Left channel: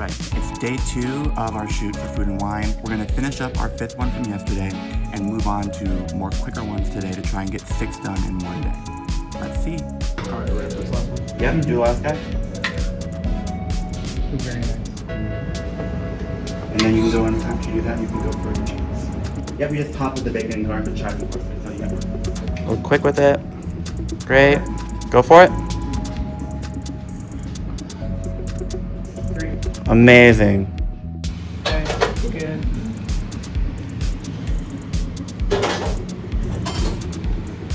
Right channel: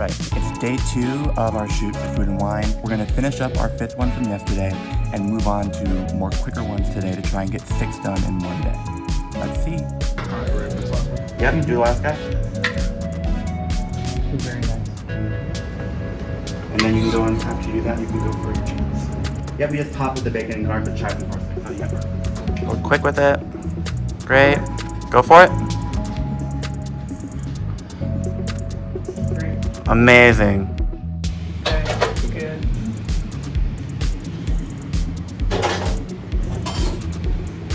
right, it's day 2 of our shoot for Food and Wine. We're gonna finish up our 5th one from yesterday and move on to more quicker ones today to try and get 6 done in one day. Let's see. Alright, ready for this last one? Yeah, you do the last guy. Very nice. And then you can go on, after you do that, you can go for your cheese. Yeah, we just top with the bacon and garlic with chives and parsley. We're quick with it. Great. Go for it. Amazing.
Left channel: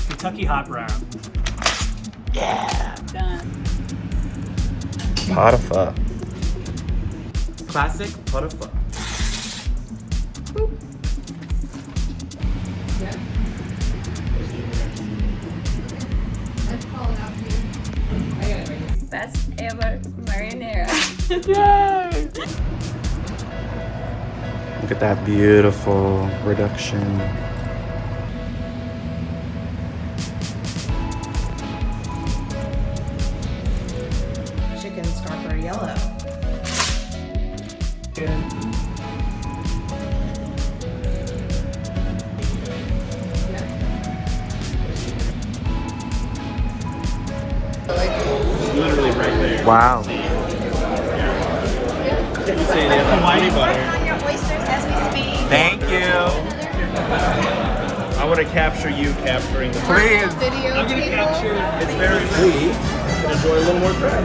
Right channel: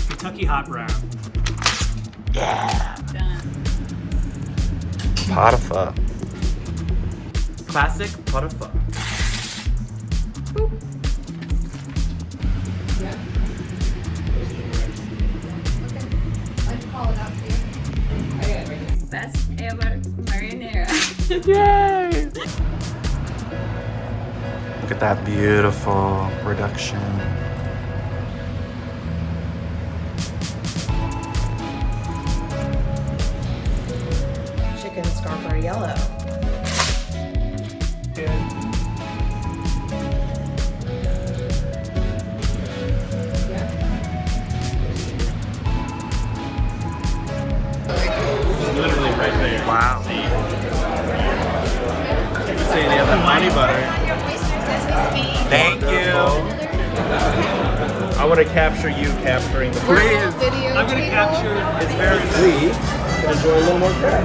Kentucky Hot Brown. Done. Pot of pho. Classic pot of pho. Best ever marinara. Yay! Look at that beautiful reduction. Chicken scarper yellow. Literally right there. Wow. Hawaii butter. Your oysters as we speak. Thank you. I'm gonna capture you capturing the I'm gonna capture it's very Please, guys doing a little more crab.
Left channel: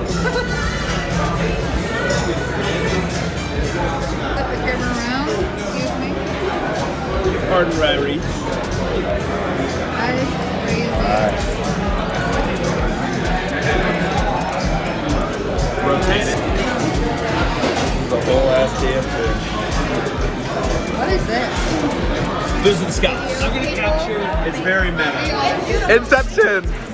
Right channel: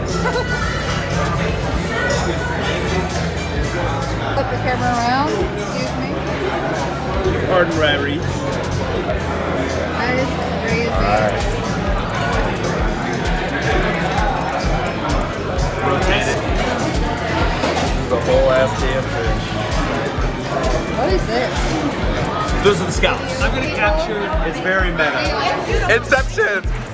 Flip the camera around. Excuse me. Pardon, Ryrie. That is crazy. rotate it. The whole ass damn fish. What is this? Those are the scallops. I'm gonna capture it's very meta. Inception!